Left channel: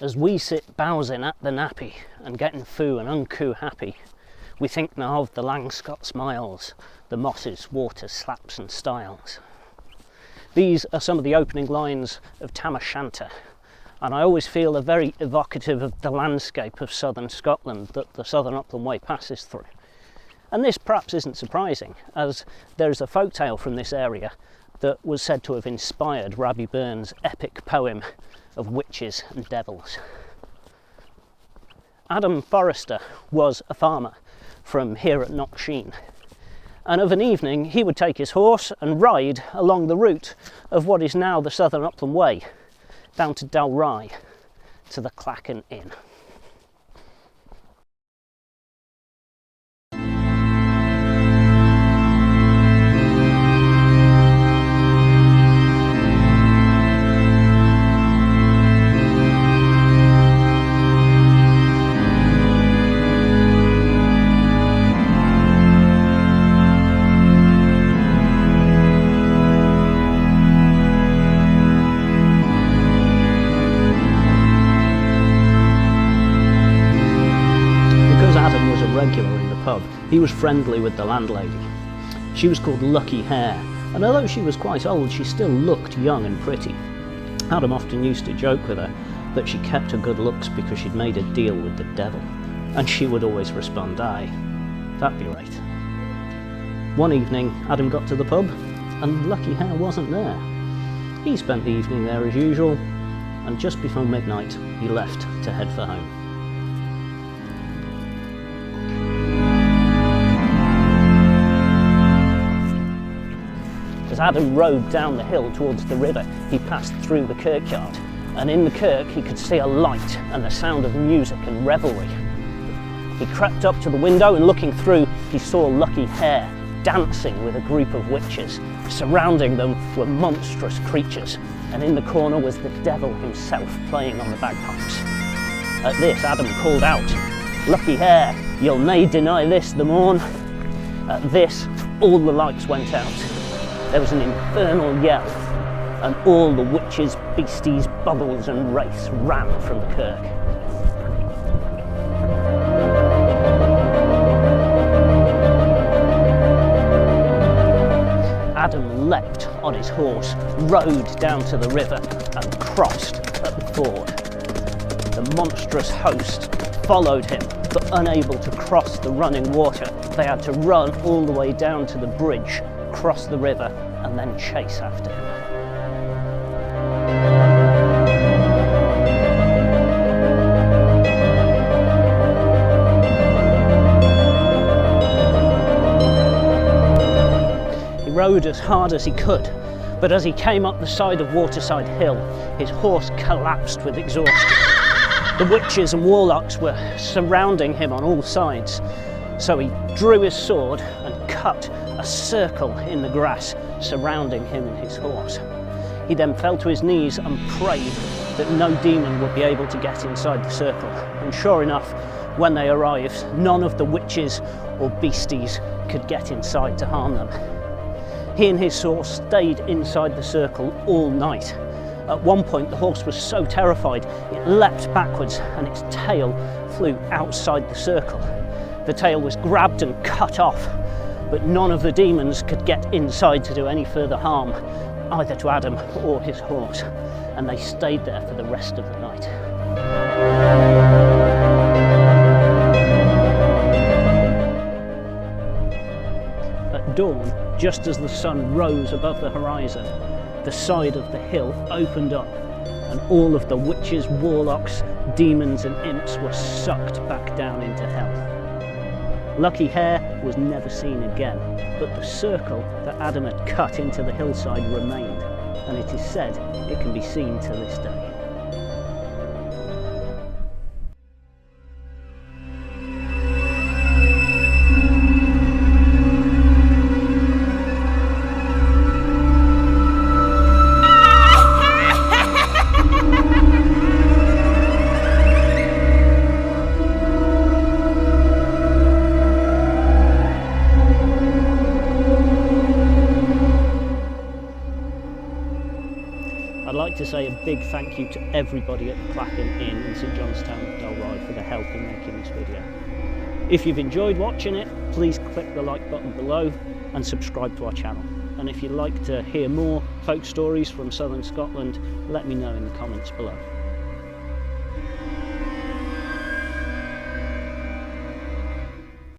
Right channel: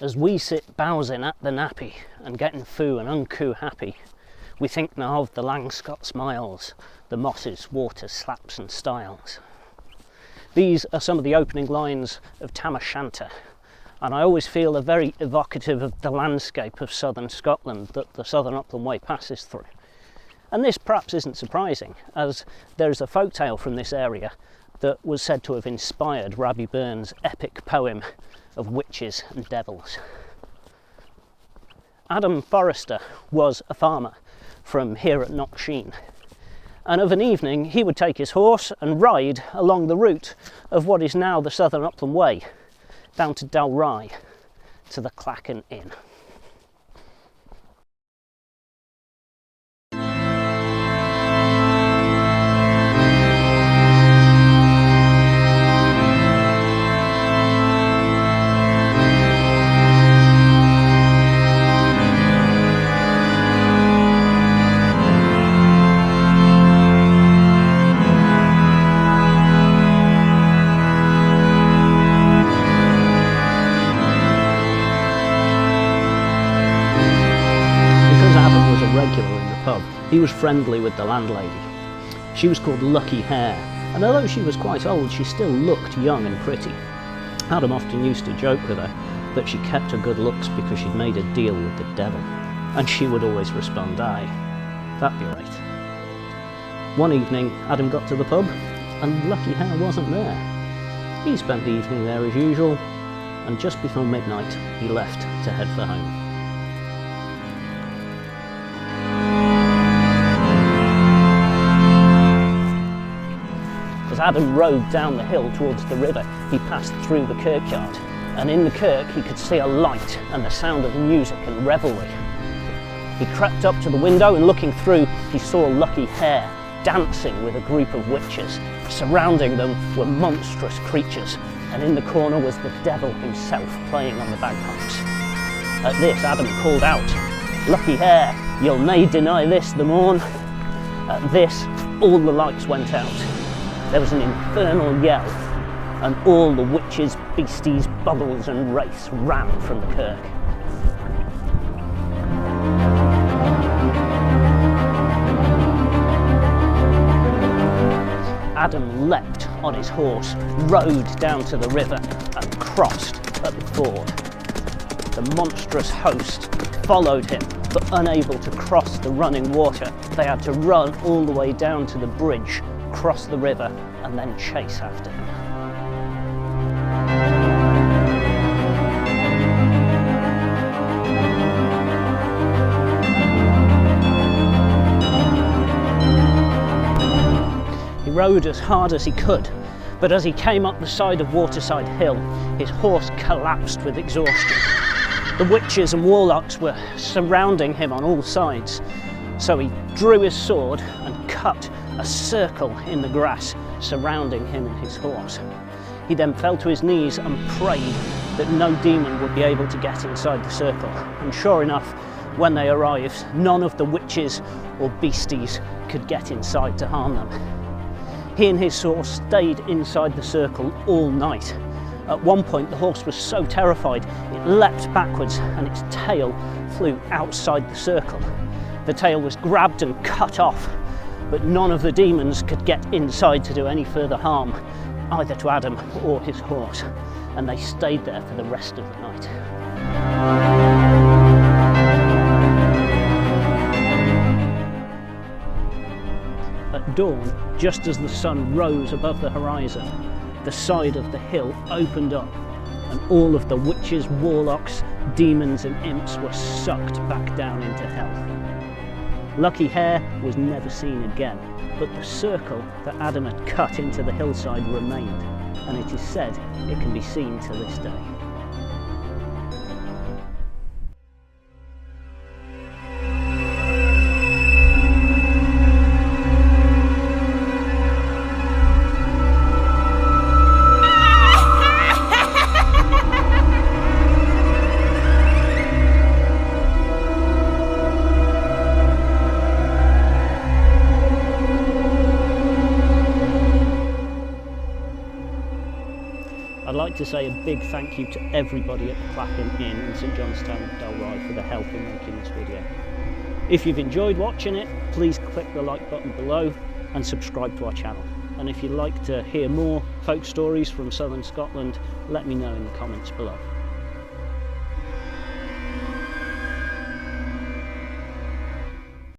As we sit bowsing at the nappy and getting foo and uncoo happy, we think now of the Langscott smiles, the mosses, waters, slaps and stiles. These are some of the opening lines of Shanter, and I always feel they're very evocative of the landscape of southern Scotland that the Southern Upland Way passes through. And this perhaps isn't surprising, as there's a folktale from this area that was said to have inspired Rabbie Burns' epic poem of witches and devils. Adam Forrester was a farmer from Hare at Knocksheen, and of an evening he would take his horse and ride along the route of what is now the Southern Upland Way down to Dalry to the Clachan Inn. Because Adam was a regular in the pub, he was friendly with the landlady. She was called Lucky Hare, and although she was quite old, she still looked young and pretty. Adam often used to joke with her that she kept her good looks because she'd made a deal with the devil, and she would always respond, "Aye, that'd be right." One evening, Adam got to the pub, and Lucky Hare wasn't there. He spent the evening there as usual, and just before midnight, he left to head for home. As Adam rode down the hill towards the river, he passed through the kirkyard, and in the kirk he could see a light and the sound of music and revelry. He crept up to the window, and looking through, he saw Lucky Hare dancing with a group of witches. Surrounding them were monstrous creatures, and in the corner was the devil himself playing on the bagpipes. At this, Adam called out, "Lucky Hare, you'll nae deny this the morn." At this, all the lights went out. There was an infernal yell, and all the witches, beasties, Boggles and Race ran from the kirk. Adam leapt on his horse, rode down to the river and crossed at the ford. The monstrous host followed him, but unable to cross the running water, they had to run all the way down to the bridge, cross the river and then chase after him. He rode as hard as he could, but as he came up the side of Waterside Hill, his horse collapsed with exhaustion. The witches and warlocks were surrounding him on all sides, so he drew his sword and cut a circle in the grass surrounding him and his horse. He then fell to his knees and prayed that no demon would be able to get inside the circle. And sure enough, when they arrived, none of the witches or beasties could get inside to harm them. He and his horse stayed inside the circle all night. At one point, the horse was so terrified, it leapt backwards and its tail flew outside the circle. The tail was grabbed and cut off, but none of the demons could get inside to do any further harm, either to Adam or his horse, and they stayed there for the rest of the night. At dawn, just as the sun rose above the horizon, the side of the hill opened up, and all of the witches, warlocks, demons and imps were sucked back down into hell. Lucky Hare was never seen again, but the circle that Adam had cut into the hillside remained, and it is said it can be seen to this day. I'd like to say a big thank you to everybody at the Clachan Inn in St Johnstown of Dalry for their help in making this video. If you've enjoyed watching it, please click the like button below and subscribe to our channel. And if you'd like to hear more folk stories from southern Scotland, let me know in the comments below.